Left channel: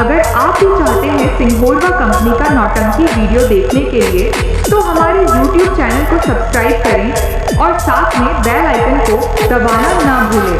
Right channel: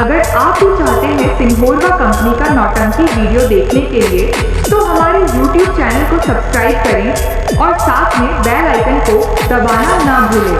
अगर आप भी चाहते हैं सिंघोरवा कंपनी का नौटंकी वीडियो देखने के लिए तो हमारे YouTube चैनल को सब्सक्राइब करें और साथ में बेल आइकन को दबाना ना भूलें।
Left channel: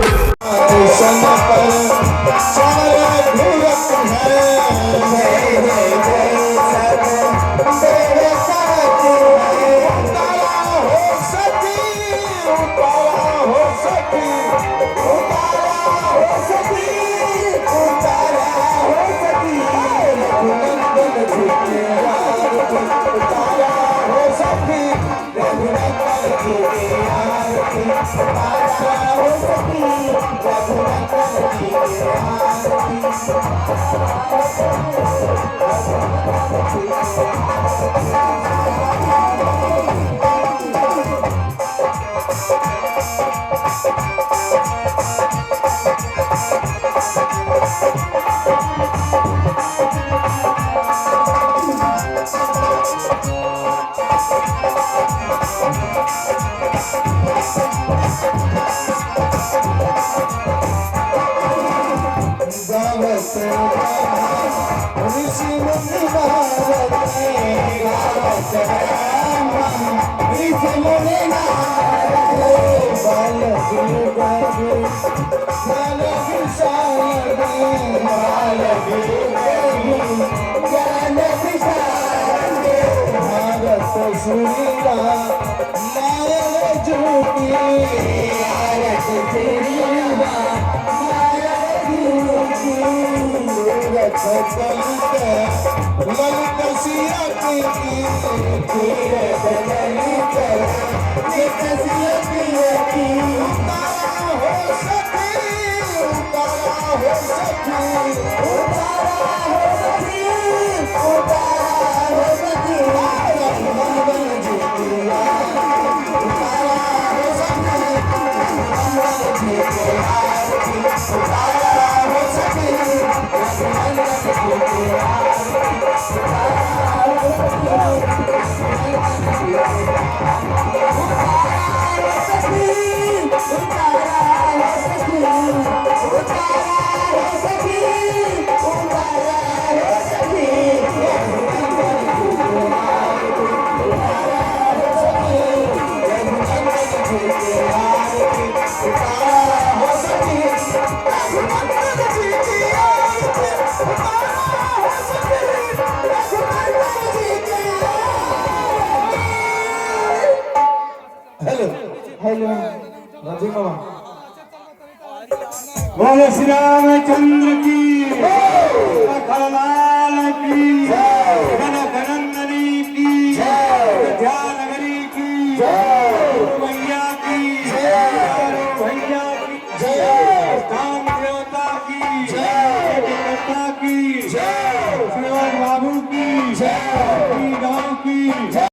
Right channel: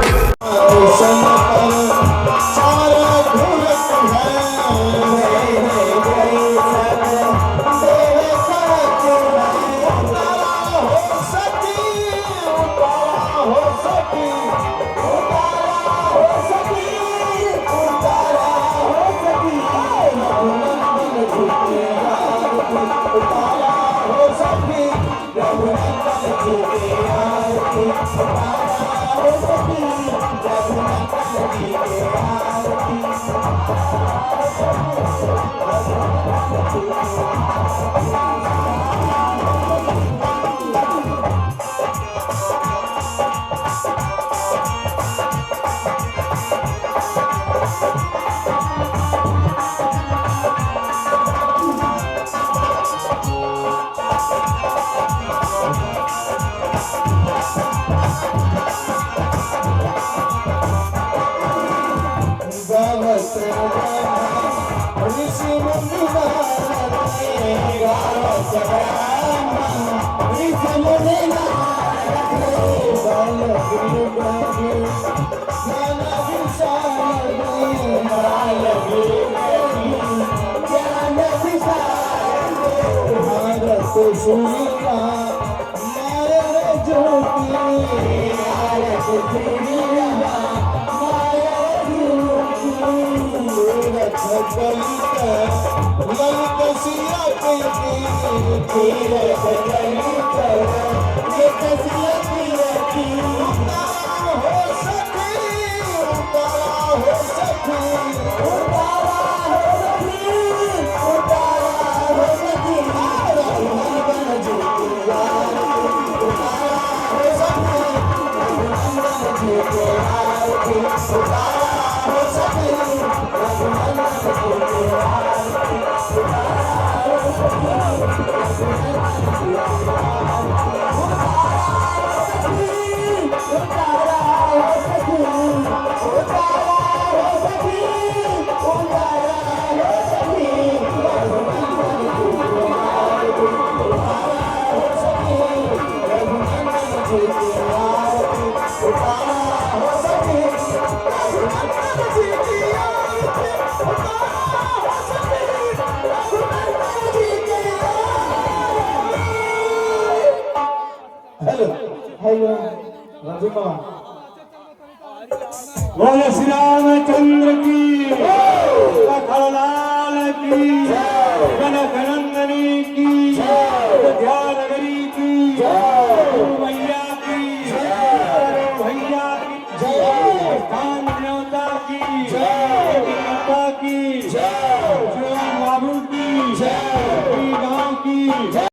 बोले श्री रामचंद्र की, लखनलाल की, गण गणंदनी की, ध्यानगरी की, भैया की, भैया की, स्थान देवता की, माता की, श्रीमान बाबू की,